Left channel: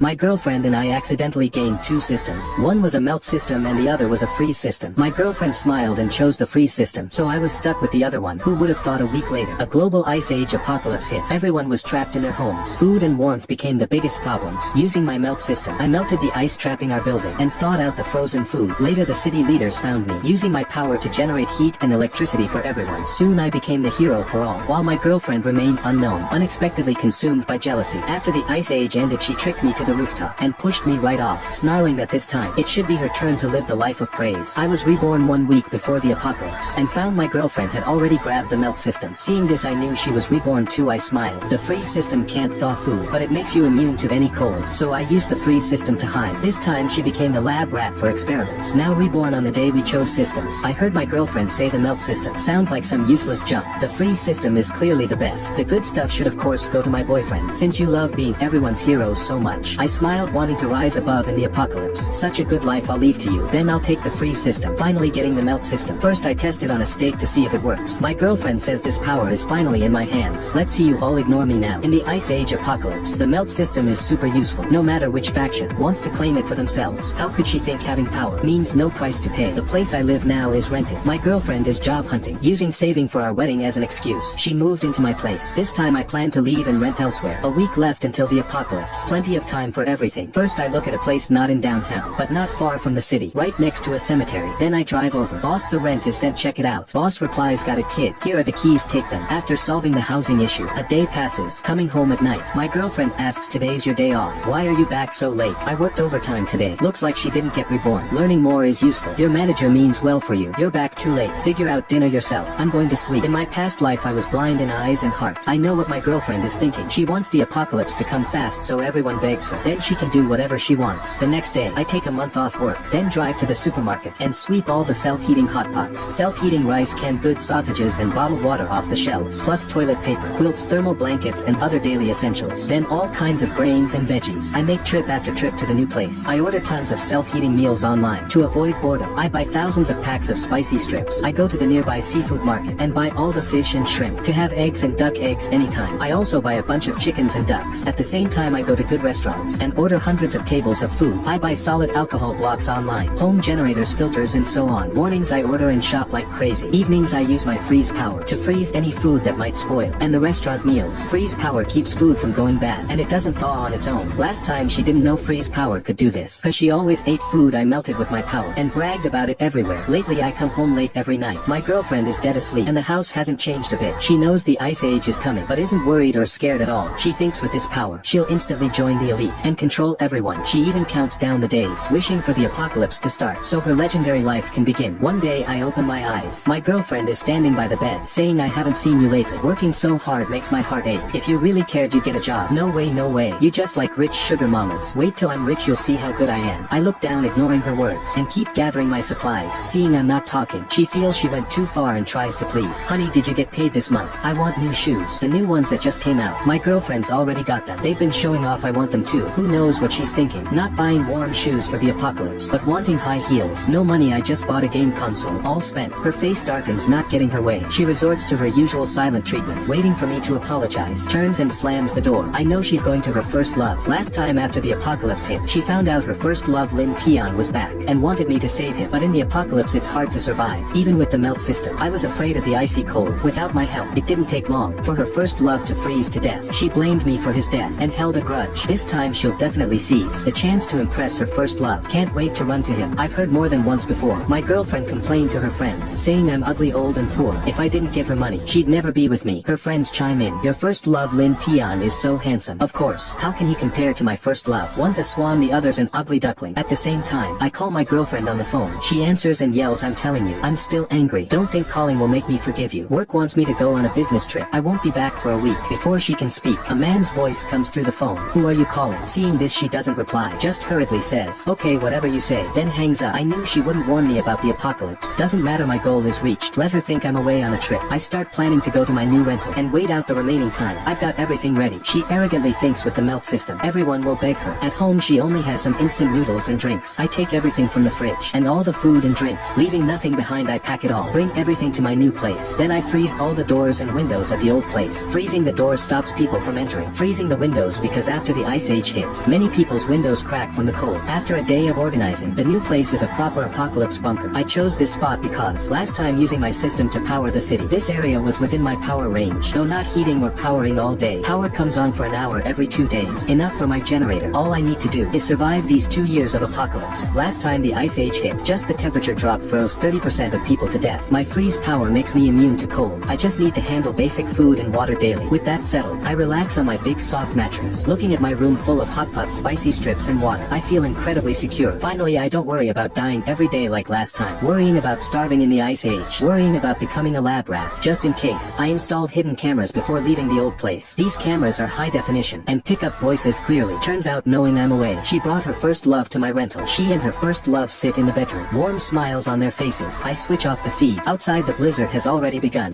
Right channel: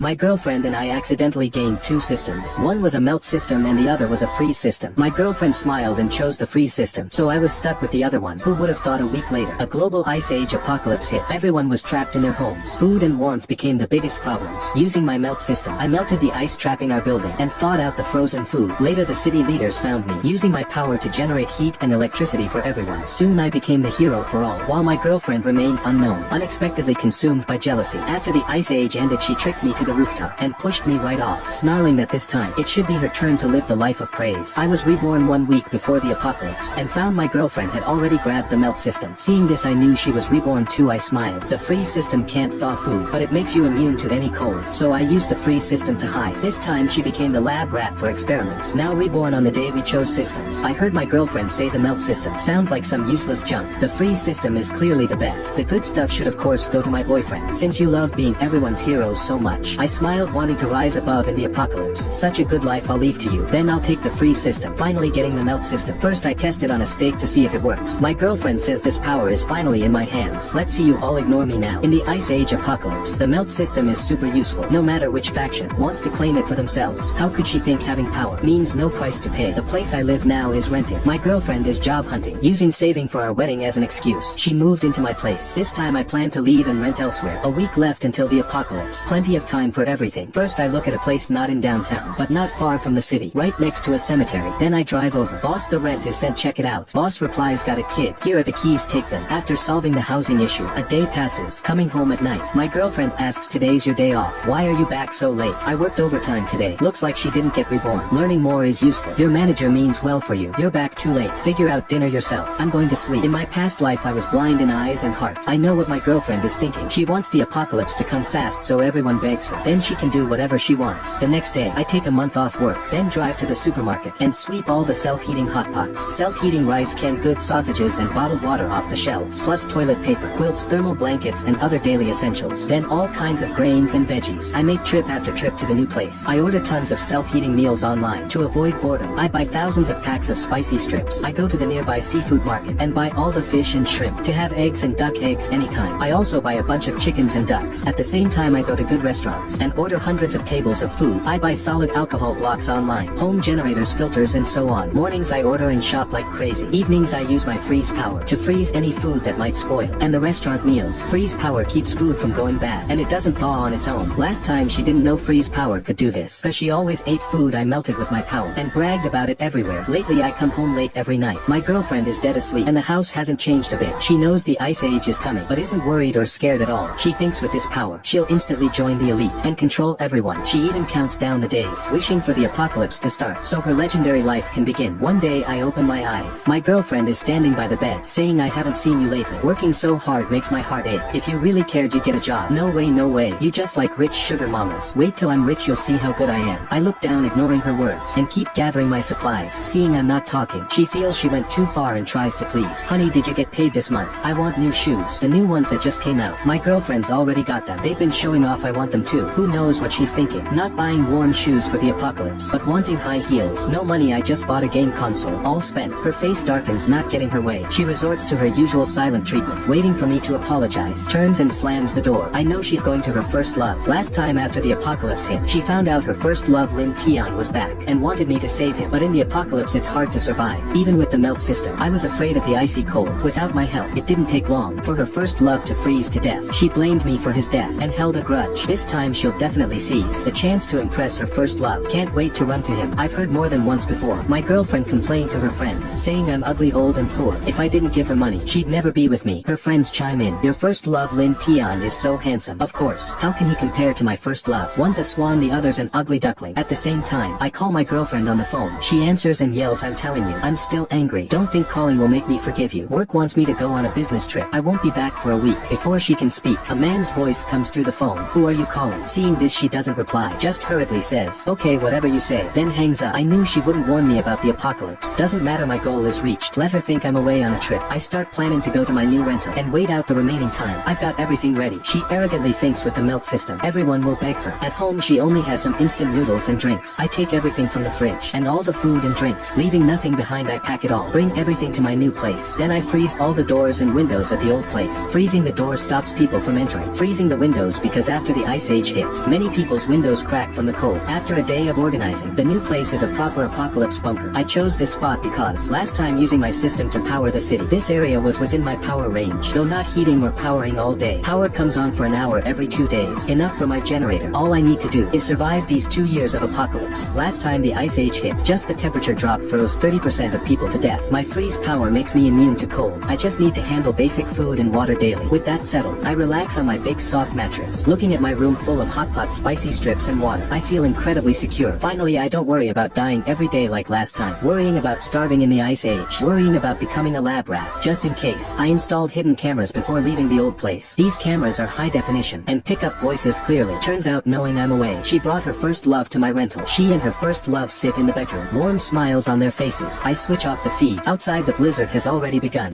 My girlfriend and I accidentally gained two systems. One was a melt system and the other was a freeze system. My girlfriend smiled and chose the freeze system, so I was stuck with the other one. Who would have thought a week later, a global ice age apocalypse hit. Everyone was trapped in their homes. Food and warmth became the biggest problems. Using my melt system, I melted the ice trapping our building and thawed out the frozen food. Later the city leaders found me, using my power to generate heat and electricity for everyone. Soon I became the hero for all, while my girlfriend remained unknown, unexpectedly consumed by jealousy. After the ice age ended, she tricked me to the rooftop and pushed me right off, snarling that this time it should be her turn to live the life of praise. I was reborn 1 week before the apocalypse and found my girlfriend had already grabbed the melt system. Seeing this, I knew she was reborn too. I smiled. The freeze system can't thaw food, but it makes you immune to any cold, so I used the freeze system to hide. This time she became the lab rat for experiments. Now reborn on the day we chose systems, I heard my girlfriend say the melt system sounds like some useless junk. The freeze system is clearly the best. The good stuff should of course go to my boyfriend, since you love being everyone's hero so much. I smiled, wanting to rise above in the apocalypse. Such a good life, I'll leave to you. Then I'll take the freeze system. Finally getting the melt system. First I tested on a steak to see if it works. My girlfriend says this power is finally in my hands. Let's see you all ignore me now. In the ice age apocalypse, the melt system is super useful, no matter which faction wants to claim it for themselves. How could she think having power means no price to pay? The place I live now is rented. My girlfriend is job hunting, using saving for our wedding as an excuse. She moved into my place. This time I plan to leave and rent elsewhere. A week left until the apocalypse. Plenty of time for everything. First I look at a place not in downtown, but not far from the city, right next to a cemetery. Then I drive over. Boss, the rent is sent, check it out. Boss replies, got it kid. Here are the keys, take them. After solving the housing issue, a day passes. Coming home at night, my girlfriend asks, today's your day off. Why are you back so late? I worked overtime today. Looks like she didn't get reborn. Learning more is useful. Your manager means well for you. You're back too late. Figure out dinner yourself. I'm going to sleep. In my past life I was blind in eyes and heart. I know what my girlfriend is thinking. She wants the apocalypse to come fast so everyone begs her. Then she can do whatever she wants. The next day, I take a month off work, then drive to the supermarket and sweep all the self-heating hot pots, self-heating rice, canned goods, sausages and bottled water off the shelves, plus toilet paper, quilts, thermal blankets and other daily essentials. Then all kinds of grains and veggies. I make trip after trip to the new place. I order tons of self-heating meals online to avoid boredom. I buy thousands of packs of spicy strips. I go to the nearby seafood market and buy all the fish and shrimp to have eggs and duck eggs anytime. I also buy a bunch of chickens and ducks. At the same time I go to good restaurants and order hundreds of tables of food. I buy solid alcohol blocks online, home generators, filters and so on. Mornings I order and shop like crazy. Evenings I use my freeze power to freeze any food that might spoil. And the restaurant meals. Freeze power keeps food from going bad and it doesn't thaw on its own. Last time she didn't know freeze power could do this, cause she always ate food I melted with my power and bragged about it everywhere. Lately I come home late every night. My girlfriend is dead asleep and the house hasn't changed a bit. She knows the ice age is coming but isn't worried or scared at all. She thinks with this power she'll instantly join the elite and control everyone. She even counts down the days, wishing for the apocalypse to start so her legendary life can begin. One day I open my eyes. My girlfriend is standing by the bed, saying, I haven't seen you lately. Working so hard makes my heart ache. If you really cared you'd get a job. No way, no way. You just like rich sugar mamas. Wait till I'm rich, you'll see how good I am. I look down, ignoring her words, and keep gathering my supplies. Seeing I'm not talking, she feels she went too far and tries to please. Honey, did you get paid this month? I want new shoes. The new ones that just came out. My girlfriend's already got them. They've been showing off, I want them too. Who knows what she's thinking? Not buying warm shoes for the apocalypse, but wanting high heels. No money, I just bought a game console. All spent. Her face darkens, not getting her way. She resorts to her usual silent treatment, waiting for me to apologize. Turns and slams the door. I know she's going to her first love. Last time after the apocalypse hit, she found out her first love, Lin Tian, was back and wanted me to save him. But in the apocalypse it's hard to survive, even with the melt system. I was afraid of the icy cold. Without my help, it didn't take long for her first love to freeze to death. She blamed me for his death and held a grudge. This time she'll definitely seize the chance to impress her first love. Can't wait to run to him. I've heard more than once before. My girlfriend complained to her friends, saying I'm ugly, old and poor. If I didn't give her money, she'd never be with me. Her friends chime in. Your first love, Lin Tian, is so handsome. Of course. How can he compare to my first love? One's a swan, the other's an ugly duckling. At the same time, I call my girlfriend on the phone. She answers and yells, I'm telling you, I'm still angry. Don't think calling will make me forgive you. Work wants me to go on a business trip. I won't be back for a week. Before she can speak, a man's voice comes through the phone. Who are you calling? Seeing this, she doesn't reply, just hurriedly says, okay, whatever you say, then hangs up. I knew she wouldn't warn me about the apocalypse. Doesn't matter, my goal is reached. Let her think I'm away on a trip. I start planning to go to my new rental and wait out the remaining time. I've got everything ready. She arrogantly thinks with the melt system everyone will beg her. At home she only has some instant noodles and drinks. I take everything from the fridge and all the food and drinks, leaving nothing behind. I pack it all, bring everything to my new place. Then I freeze all the doors and windows at the old place. Freezing the doors stops people from entering. Freezing the windows because after the ice age Age hits. Many people's windows crack from the cold. After a day of organizing, the new place is a proper apocalypse bunker. I chose this spot because last time using my system to power the city, this area was within my power range. Though not heating or powering all day, power comes on for an hour every 2 days. Enough for my generator. All I need to do is survive these 2 years of apocalypse. Last time the Ice Age hit, just the temperature drop froze 30% of people to death. My freeze power makes me immune to cold. I just need to handle basic food and water daily. With that settled, I relax on my big soft mattress. Looking at my room full of hot pot spicy strips and water, I feel incredibly secure. Finally, I don't worry about dying every day like last time. Worrying about starving in the Ice Age. Worrying about becoming a lab rat. Just in case, I installed hidden cameras before leaving the old place. These cameras are high definition and pick up voices clearly. Turns out knowing I'm away, she brought her first love to my rental. She and her first love sit in the bedroom. Warm smiles on their faces. I switch off the feed. Outside the blizzard has already begun.